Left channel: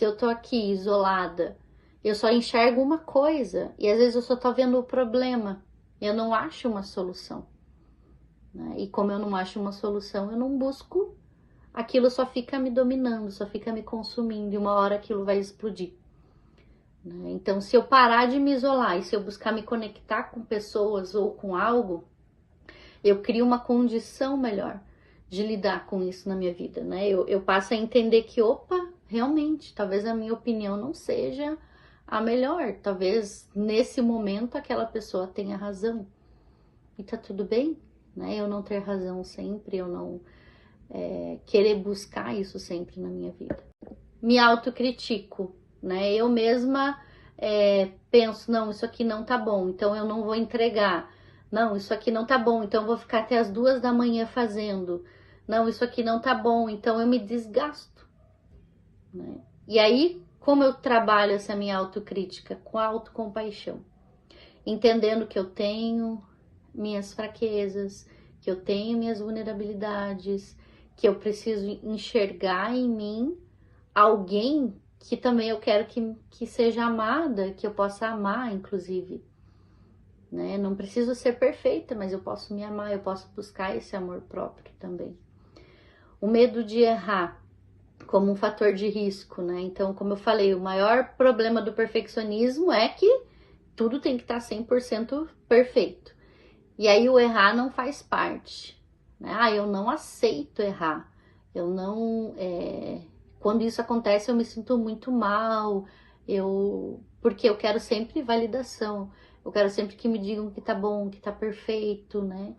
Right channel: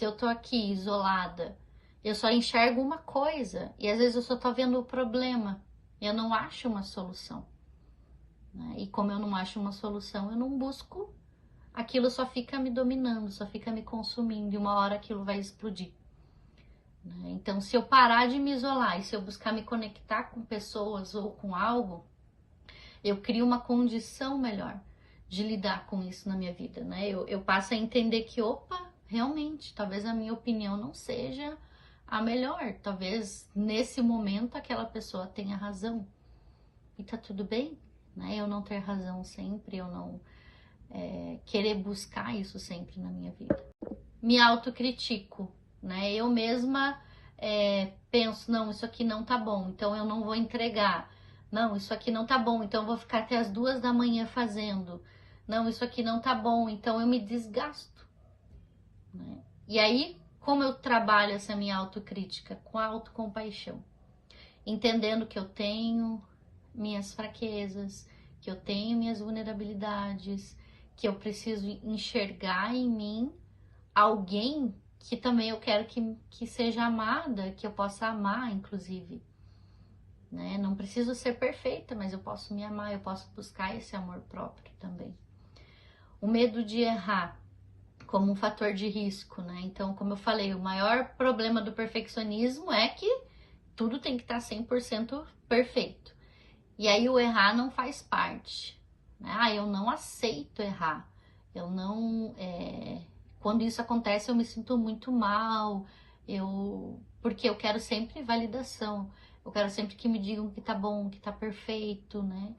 se eu tô aqui isolada, eu só enxergo uma coisa e às vezes eu só tô vendo o problema, eu não acho uma solução, né? E como eu não acho uma solução, eu não busco, aquilo só fica me dominando, só fica me consumindo e uma hora aquilo vai explodir, né? Então, se eu parar de me isolar e se eu buscar me conectar com pessoas ou com algo, eu crio uma condição melhor de lidar com isso na minha vida, né? Eu passo a entender que, opa, realmente, talvez a minha opinião não seja a melhor. Talvez nesse momento aquela pessoa tenha razão. E tá tudo bem, né? Eu não ter razão sempre, eu não querer buscar isso sempre na minha vida. Me autocritico, né? Eu mesma penso, não, isso aqui não tá bom, então eu não vou entregar. Não, isso aqui não tá bom, então eu vou ficar até as 2 da manhã fazendo. Não, isso aqui não tá bom, então eu me desgasto, né? E aí, como eu trabalho essa minha autocrítica? Com a autocompaixão. Entendendo que eu tenho minhas fraquezas, que eu tenho minhas vulnerabilidades, que eu preciso enxergar em mim alguém que também eu quero que seja amada, que eu possa amar, inclusive, né? Não preciso ser perfeita, mas eu posso me amar, eu posso buscar esse amor próprio também. O medo de errar como um fator de risco, né? Então, como eu falei, o maior problema do perfeccionismo é que tudo tem que estar 100% perfeito. E aí o errar não faz parte, né? Ah, eu não aceito errar. Eu não... Quando isso acontece, eu me sinto muito mal, porque eu quero sempre validação. Eu quero sempre que me digam que tá bom, que tá perfeito, né?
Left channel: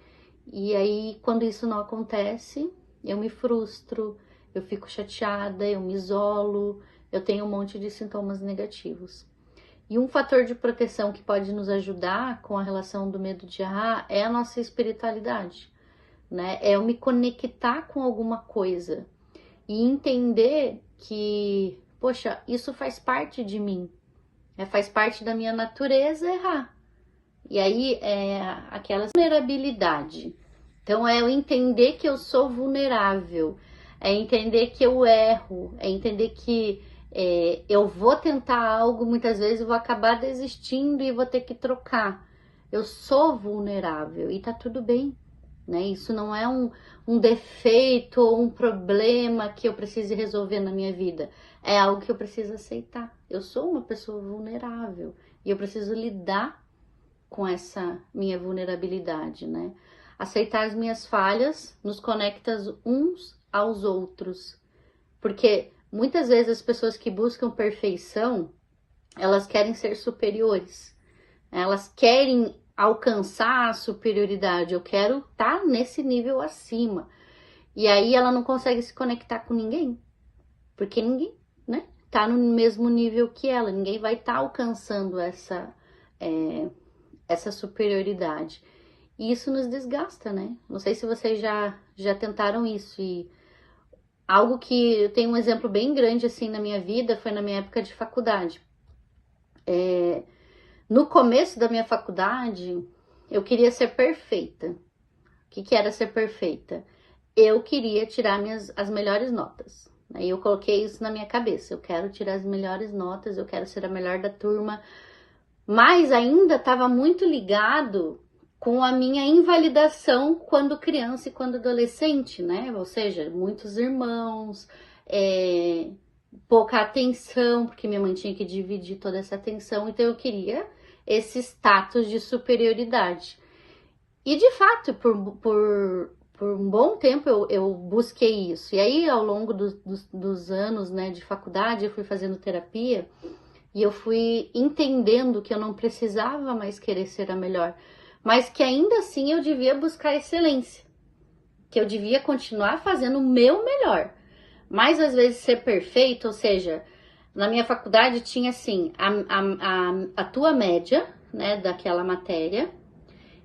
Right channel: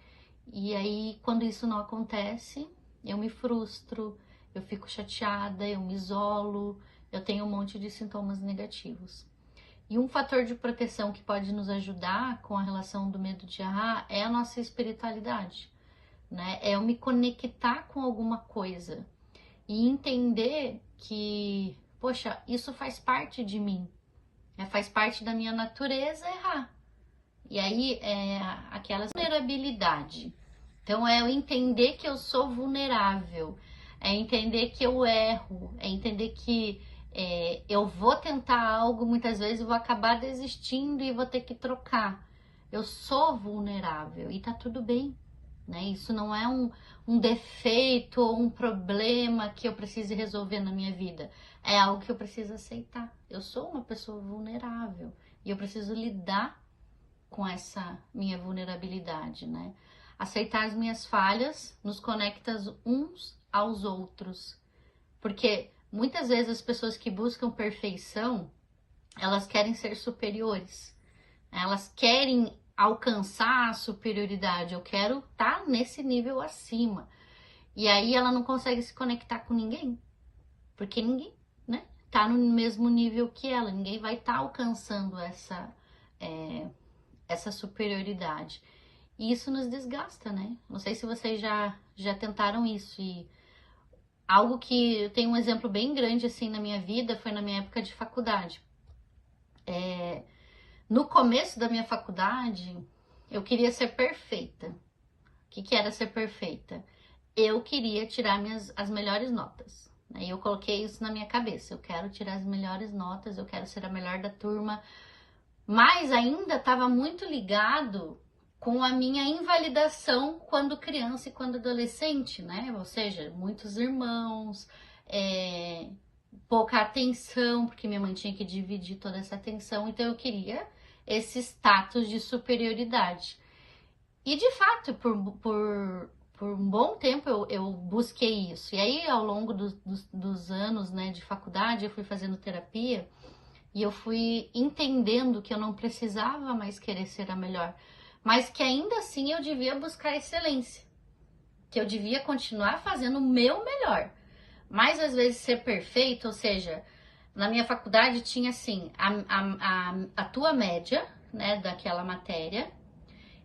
E aí, quando isso não acontece, eu me frustro, eu fico chateada, eu me isolo, eu tenho um monte de sintomas negativos. E um fator de proteção que pode nos ajudar com a relação do medo de errar é a nossa espiritualidade, né? É eu me conectar com alguma coisa e entender que, poxa, isso faz parte de mim, faz parte da minha natureza errar. E aí é aquela vulnerabilidade. Então é eu entender que eu sou vulnerável, é entender que eu erro, é entender que eu vou tentar algo, muitas vezes eu vou acabar desistindo e vou ter que trocar. Eu sou vulnerável e tá tudo bem, né? Isso não é um defeito ou um problema que eu precise resolver na minha vida. É algo que eu preciso aceitar. Eu sou uma pessoa vulnerável e eu preciso lidar com essa minha vulnerabilidade, né? Aceitar as minhas falhas nos conecta uns aos outros. Porque muitas vezes as pessoas que buscam perfeição, elas querem ser superiores. Elas querem alcançar a superioridade. Eu quero estar nesse nível acima. E aí ela não consegue se conectar com ninguém. Porque ninguém, né, tá no mesmo nível que ela. Ninguém vai estar alcançando essa superioridade. E isso nos desgasta, né? Não sei se vocês já tentaram isso. E algo que eu tenho um exemplo bem grande assim na minha vida foi na minha época de faculdade. No começo da minha faculdade, eu queria ser perfeita. O que era ser perfeita? Eu queria tirar as melhores notas. E eu coloquei isso na minha cabeça. Eu quero tirar as melhores notas, eu quero ser a melhor da turma. Mas ainda estava muito ligado com a minha invalidação quando criança e quando adolescente, né? Ou seja, muitos irmãos, pouca atenção, porque minha mãe tinha que dividir toda essa atenção, então eu queria esse status de superioridade. E de fato, por um bom tempo eu busquei isso. E aí, ao longo dos anos, né, de faculdade, eu fui fazendo terapia e eu fui entendendo que eu não precisava mais querer ser a melhor, mas que ainda assim eu devia buscar excelência, que eu devia continuar fazendo o meu melhor, mas às vezes ser perfeito, ou seja, na minha faculdade tinha assim, a tua média, né, daquela matéria,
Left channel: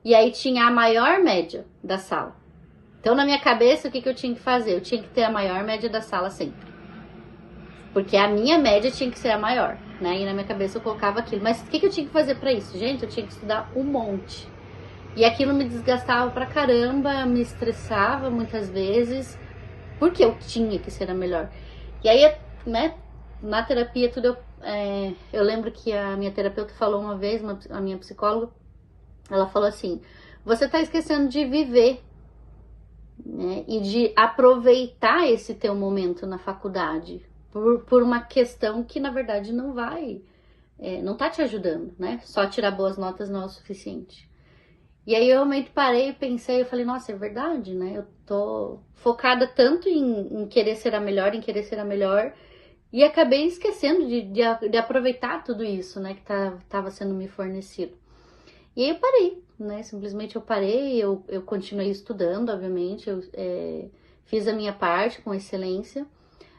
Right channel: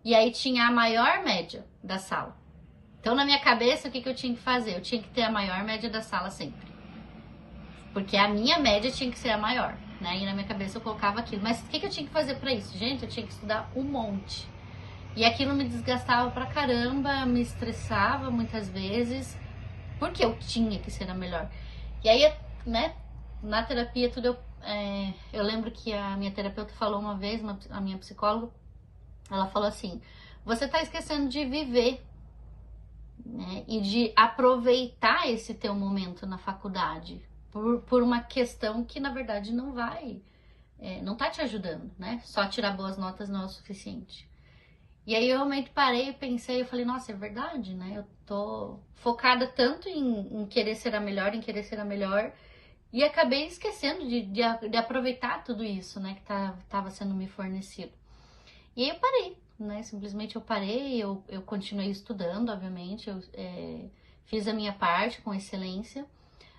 e aí tinha a maior média da sala. Então na minha cabeça o que eu tinha que fazer? Eu tinha que ter a maior média da sala sempre, porque a minha média tinha que ser a maior, né? E na minha cabeça eu colocava aquilo. Mas o que eu tinha que fazer para isso? Gente, eu tinha que estudar um monte. E aquilo me desgastava pra caramba, me estressava muitas vezes, porque eu tinha que ser a melhor. E aí, né, na terapia, tudo eu lembro que a minha terapeuta falou uma vez, a minha psicóloga, ela falou assim: você tá esquecendo de viver, né? E de aproveitar esse teu momento na faculdade, por uma questão que, na verdade, não tá te ajudando, né? Só tirar boas notas não é o suficiente. E aí eu realmente parei e pensei, eu falei, nossa, é verdade, né? Eu tô focada tanto em querer ser a melhor, e acabei esquecendo de aproveitar tudo isso, né, que tava sendo me fornecido. E aí eu parei, né? Simplesmente eu parei, eu continuei estudando, obviamente, fiz a minha parte com excelência,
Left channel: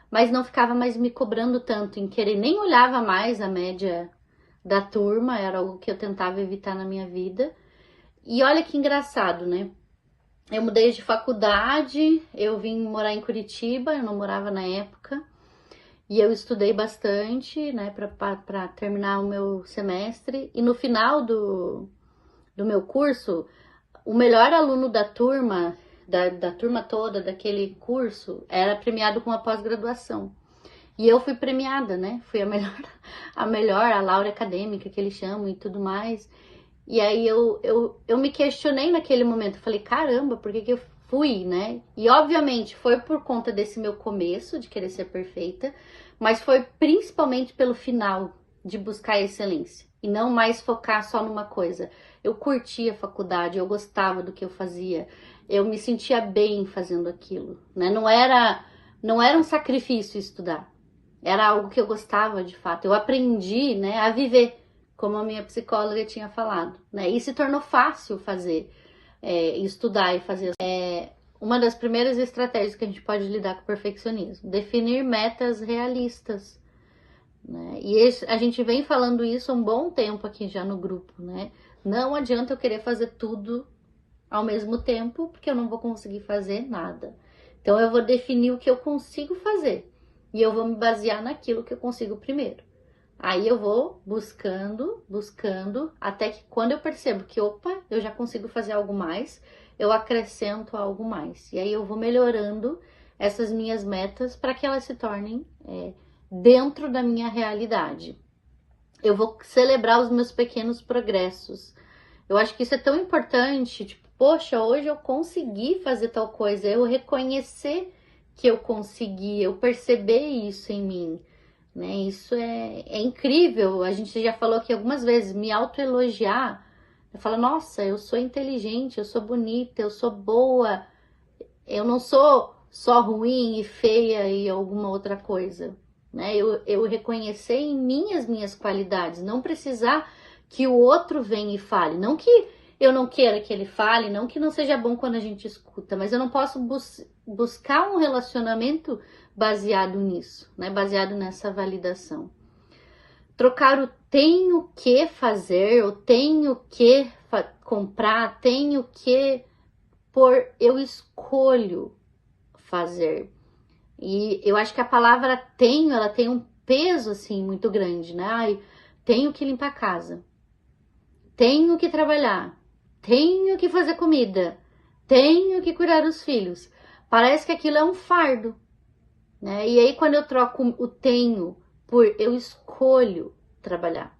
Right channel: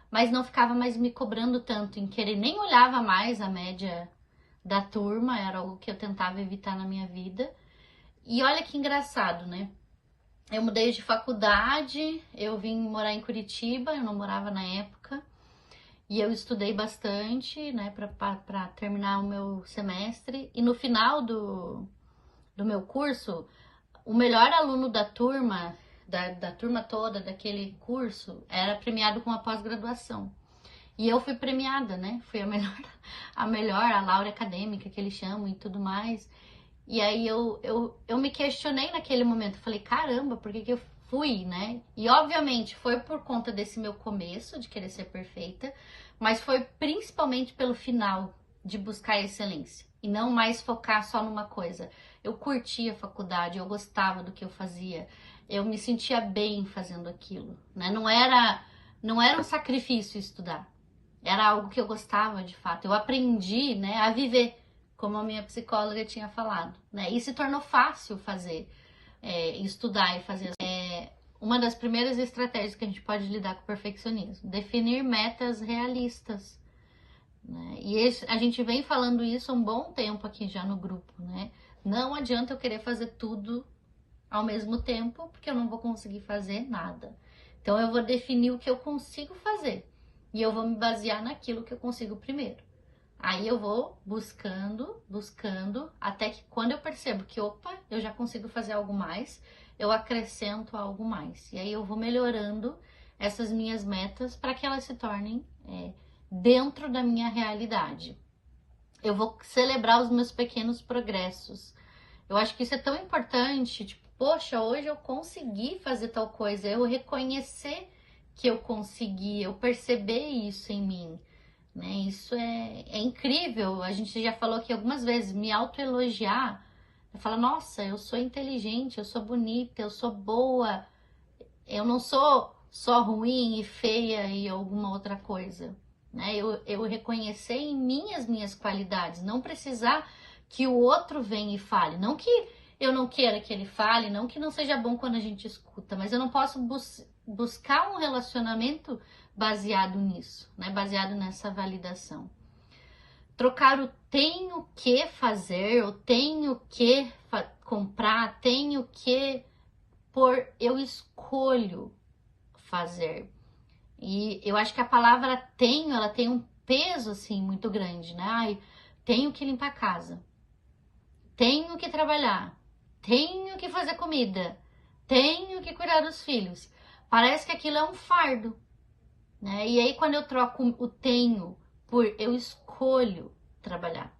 mas não ficava mais me cobrando tanto em querer, nem olhava mais a média da turma, era algo que eu tentava evitar na minha vida. E olha que engraçado, né? Eu mudei de faculdade, eu vim morar em Curitiba, eu não morava na época, e eu estudei bastante, né, para terminar o meu semestre. E no final do meu curso, o melhor aluno da turma, da turma toda daquele curso, era premiado com uma pós-graduação. E eu fui premiada, né? Fui a laurea acadêmica que eles chamam e tudo mais. E aí eu me questionei naquele momento, falei, caramba, por que eu fui, né? E obviamente foi por conta desse meu começo de querer ser perfeita, mas foi principalmente pelo final de buscar a excelência e não mais focar só numa coisa. Eu curtia a faculdade, eu gostava do que eu fazia, eu me sentia bem fazendo aquilo, né? Não era um sacrifício estudar, era algo que eu gostava de fato. Eu aprendi, né, a viver, como a minha psicóloga tinha falado, né? E se tornou fácil fazer, estudar e fazer. Uma das primeiras estratégias que a gente pode lidar com o perfeccionismo, definir metas realistas, né? E a gente vem falando isso há um bom tempo aqui já no grupo, né? Não adianta eu querer fazer tudo ao mesmo tempo, porque eu não vou conseguir fazer nada. Então eu vou definir o que eu consigo fazer e eu vou me basear naquilo que eu consigo primeiro. Aí eu vou buscando, até que quando eu percebo que, opa, eu já consigo fazer algo mais, eu acrescento algo mais. E aí eu vou melhorando essas minhas metas para que elas se tornem dentro da minha realidade. Eu vou celebrar os meus pequenos progressos. Eu acho que isso é tão importante, tipo, poxa, hoje eu consegui fazer tal coisa, eu reconhecer que eu consegui, eu perceber isso em mim. Né? Isso é incrível. A gente já falou aqui algumas vezes, me autoelogiar. Eu falo, nossa, eu sou inteligente, eu sou bonita, eu sou boa. Eu não sou só ruim e feia e alguma outra coisa. Né? Eu reconhecer em mim as minhas qualidades, não precisar que o outro venha e fale. Não que eu não queira que ele fale, não que não seja bom quando a gente escuta, mas eu não posso buscar um relacionamento baseado nisso, né? Baseado nessa validação. Trocar o tenho que fazer, eu tenho que comprar, tenho que por eu escolho fazer. E eu acho que a palavra tenho, ela tem um peso assim muito grande, né? Ai, tenho que limpar a casa, tenho que trabalhar, tenho que fazer comida, tenho que cuidar dos filhos. Parece que aquilo é um fardo, né? E aí quando eu troco o tenho por eu escolho trabalhar,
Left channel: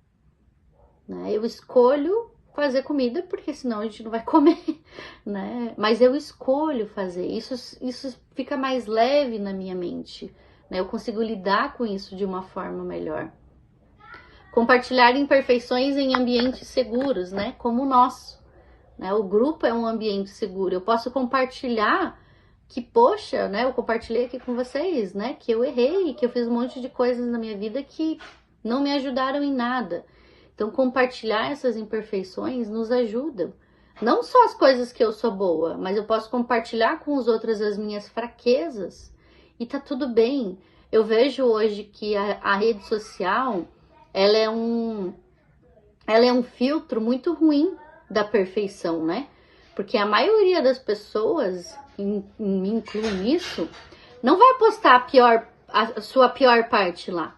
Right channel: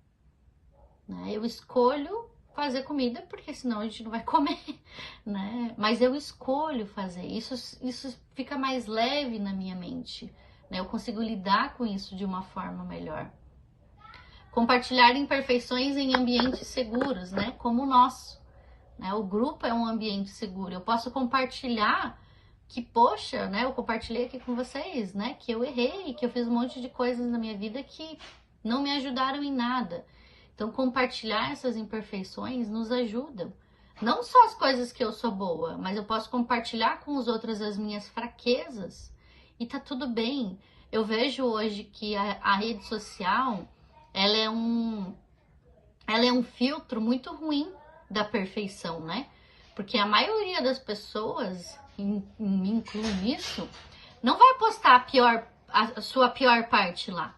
né? Eu escolho fazer comida porque senão a gente não vai comer, né? Mas eu escolho fazer. Isso fica mais leve na minha mente, né? Eu consigo lidar com isso de uma forma melhor. Compartilhar imperfeições em ambientes seguros, né? Como o nosso, né? O grupo é um ambiente seguro. Eu posso compartilhar que, poxa, né? Eu compartilhei aqui com vocês, né? Que eu errei, que eu fiz um monte de coisas na minha vida que não me ajudaram em nada. Então, compartilhar essas imperfeições nos ajuda. Não só as coisas que eu sou boa, mas eu posso compartilhar com os outros as minhas fraquezas. E tá tudo bem. Eu vejo hoje que a rede social, ela é um filtro muito ruim da perfeição, né? Porque a maioria das pessoas, me incluo nisso, não vai postar a sua pior parte lá.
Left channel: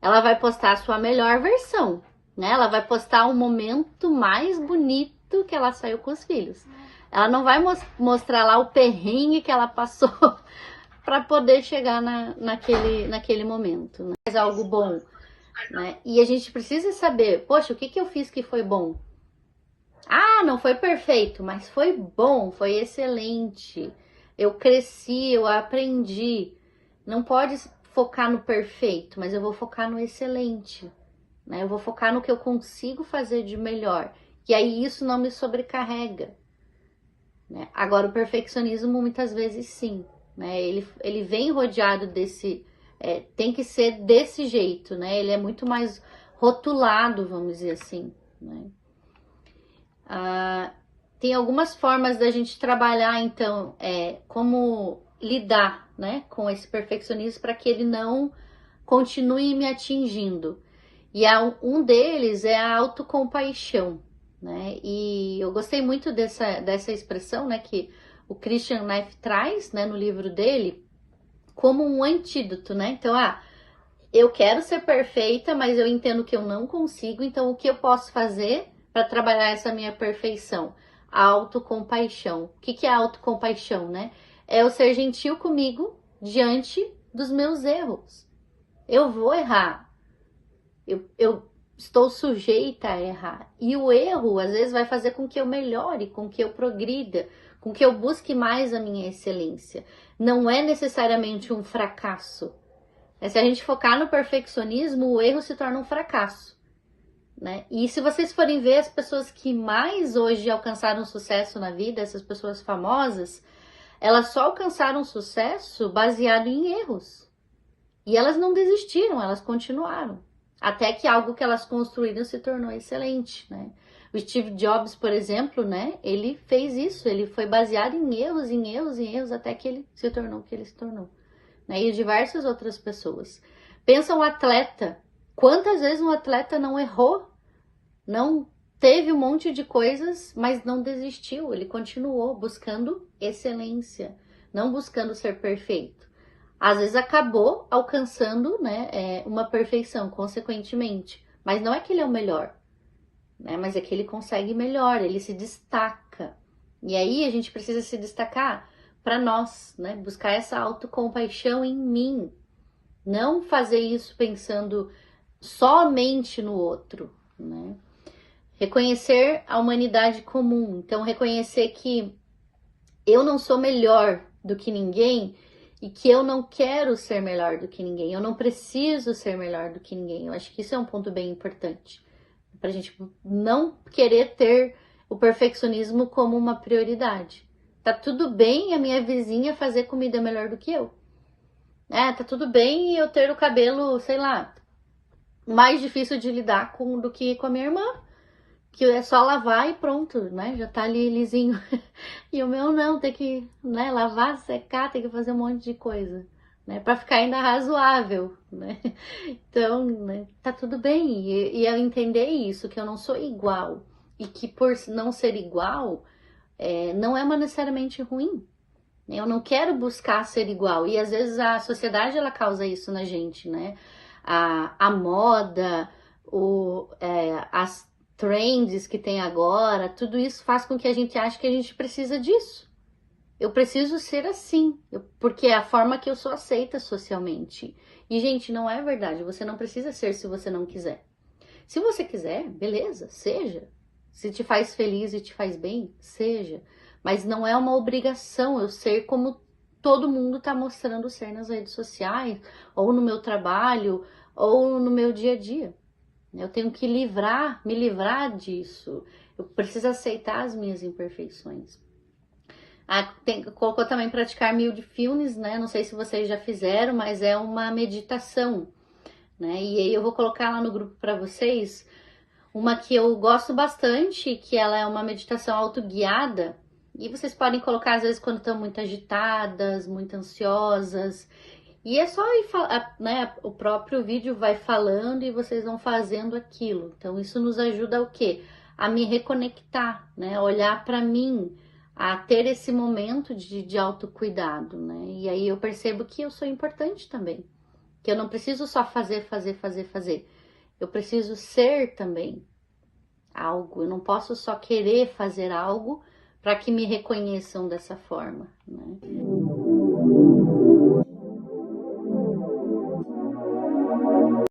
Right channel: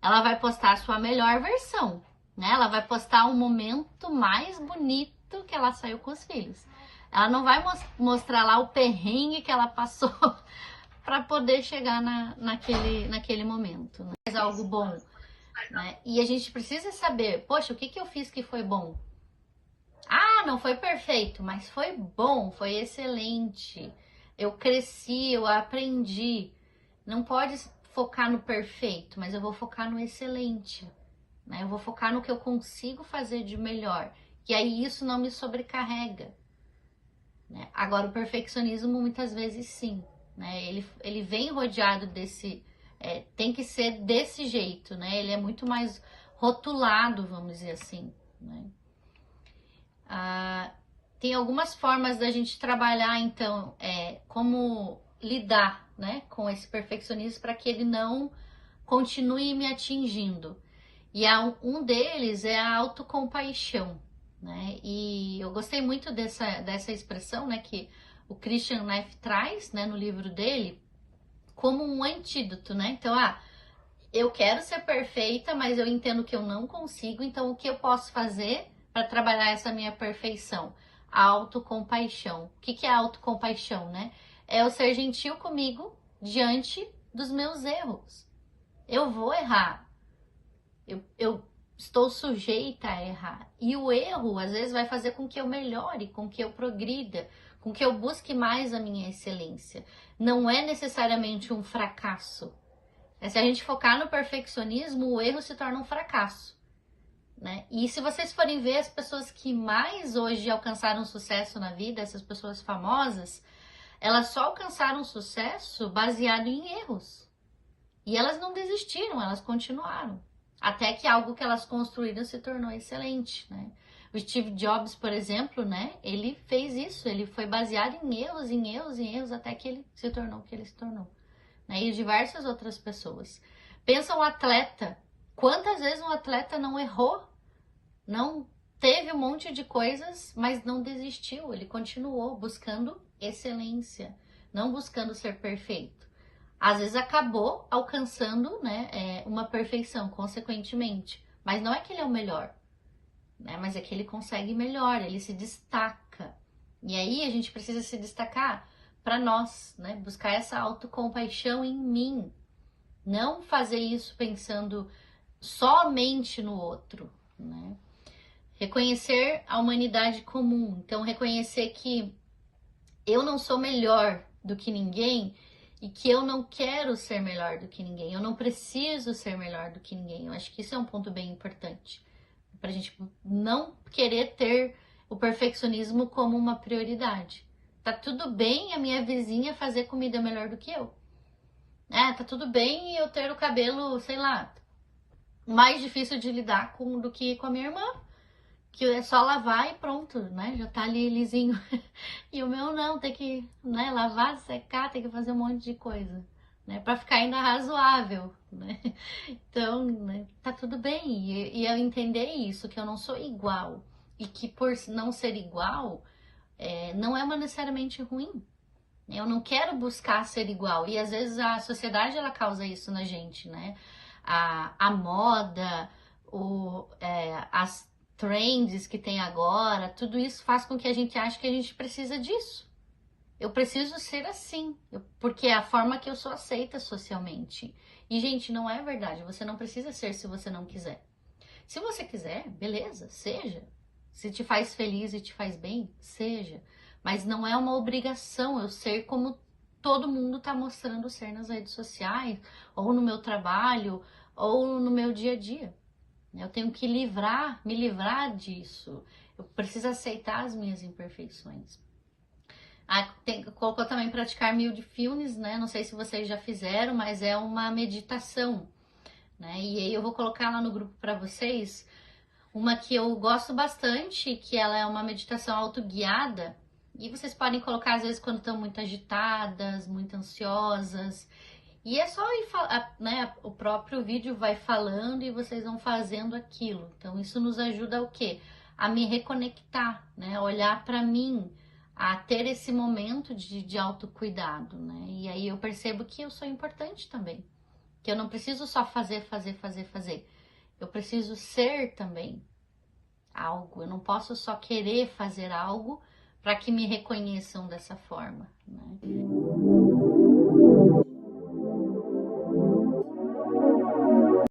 Ela vai postar a sua melhor versão, né? Ela vai postar o momento mais bonito que ela saiu com os filhos. Ela não vai mostrar lá o perrengue que ela passou para poder chegar naquele momento, né? Faz algo bom, né? E a gente precisa saber, poxa, o que eu fiz que foi bom? Ah, não foi perfeito, mas foi bom, foi excelente. Eu cresci, eu aprendi. Não pode focar no perfeito, mas eu vou focar no excelente, né? Eu vou focar no que eu consigo fazer de melhor. E aí isso não me sobrecarrega, né? Agora, o perfeccionismo muitas vezes sim, né? Ele vem rodeado desse... tem que ser desse jeito, né? Ele é muito mais rotulado, vamos dizer assim, né? Tem algumas formas da gente trabalhar, então, como lidar, né, com esse perfeccionismo para que ele não continue me atingindo. E um deles é a autocompaixão, né? E eu gostei muito dessa expressão, né, que o Christian Neff traz, né, no livro dele, como um antídoto, né? Então, eu quero ser perfeita, mas eu entendo que eu não consigo, então o que eu posso fazer para trabalhar essa minha perfeição? A autocompaixão. O que é a autocompaixão, né? É eu ser gentil comigo diante dos meus erros. Eu vou errar. Eu estou sujeita a errar. E o erro, às vezes, vai fazer com que eu melhore, com que eu progrida, com que eu busque mais a minha excelência. Não é necessariamente um fracasso. Se a gente focar no perfeccionismo, o erro se torna um fracasso, né? E se vocês forem ver as pessoas que mais hoje alcançaram sucesso na vida, essas pessoas famosas, elas só alcançaram sucesso baseado em erros. E elas não desistiram, elas continuaram. Até que algo que elas construíram se tornou excelente, né? O Steve Jobs, por exemplo, né? Ele fez isso, ele foi baseado em erros, em erros, em erros, até que ele se tornou o que ele se tornou. Né? E diversas outras pessoas. Pensa um atleta. Quantas vezes um atleta não errou? Não teve um monte de coisas, mas não desistiu. Ele continuou buscando excelência, não buscando ser perfeito. Às vezes acabou alcançando, né, uma perfeição, consequentemente. Mas não é que ele é o melhor, né? Mas é que ele consegue melhor, ele se destaca. E aí a gente precisa se destacar para nós, né? Buscar essa autocompaixão em mim. Não fazer isso pensando somente no outro, né? Reconhecer a humanidade comum. Então, reconhecer que eu não sou melhor do que ninguém e que eu não quero ser melhor do que ninguém. Eu não preciso ser melhor do que ninguém. Eu acho que isso é um ponto bem importante. Pra gente não querer ter o perfeccionismo como uma prioridade. Tá tudo bem a minha vizinha fazer comida melhor do que eu. Tá tudo bem eu ter o cabelo, sei lá, mais difícil de lidar do que com a minha irmã, que é só lavar e pronto, né? Já tá ali lisinho. E o meu não, tem que, né, lavar, secar, tem que fazer um monte de coisa, né? Pra ficar ainda razoável, né? Então, né, tá tudo bem. E eu entender isso, que eu não sou igual. E que por não ser igual, não é necessariamente ruim. Eu não quero buscar ser igual. E às vezes a sociedade, ela causa isso na gente, né? A moda, as trends que tem agora, tudo isso faz com que a gente ache que a gente precisa disso. Eu preciso ser assim, porque é a forma que eu sou aceita socialmente. E, gente, não é verdade. Você não precisa ser se você não quiser. Se você quiser, beleza, seja. Se te faz feliz e te faz bem, seja. Mas não é uma obrigação eu ser como todo mundo está mostrando ser nas redes sociais, ou no meu trabalho, ou no meu dia a dia. Eu tenho que me livrar disso. Eu preciso aceitar as minhas imperfeições. Colocou também praticar mindfulness, né? Não sei se vocês já fizeram, mas é uma meditação, né? E aí eu vou colocar lá no grupo para vocês uma que eu gosto bastante, que ela é uma meditação autoguiada. E vocês podem colocar às vezes quando estão muito agitadas, muito ansiosas. E é só ir, né? O próprio vídeo vai falando e vocês vão fazendo aquilo. Então isso nos ajuda o quê? A me reconectar, né? Olhar para mim, a ter esse momento de autocuidado, né? E aí eu percebo que eu sou importante também. Que eu não preciso só fazer. Eu preciso ser também algo. Eu não posso só querer fazer algo para que me reconheçam dessa forma, né?